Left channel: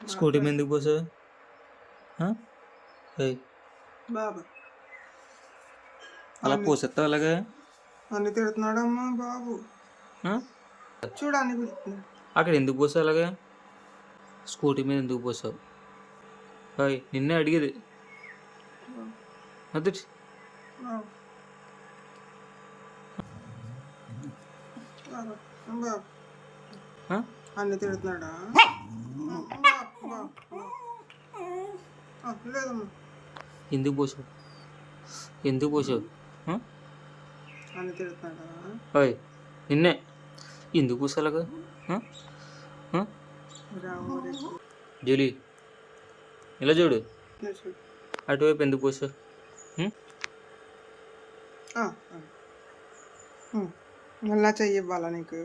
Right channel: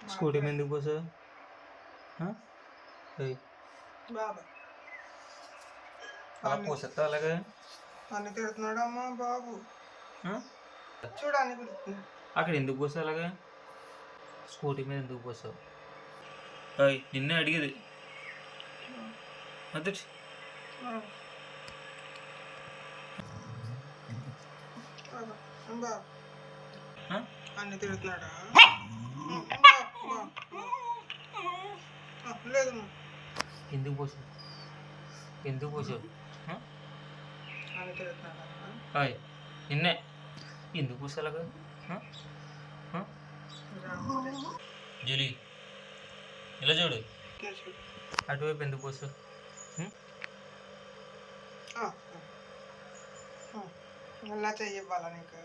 Scooty మీద ఎందుకు పోసావు? ఏయ్, బాబు అలా పోసేస్తావు అలాగా? అన్ని తిడుతున్నాడమ్మా బాబు. ఆ? చూడని పిలుస్తుంది. అక్కడ ఎందుకు పోసావు అలాగా? స్కూటీ మీద ఎందుకు పోసావు? అయ్, నిన్నే అడిగేది. అదే బాబు బాబు బాబు అన్ని తిడుతున్నాడా? లేదమ్మా. ఎందుకు పోసావు? ఎందుకు పోసావు? అన్ని తిడుతున్నాడా? అయ్, నిన్నే ఎందుకు పోసావు అలాగా? జూలీ, ఇలా చూడు. అటువైపు ఎందుకు పోసావు? మళ్ళా చెయ్యి ఇవ్వాలా నీకు?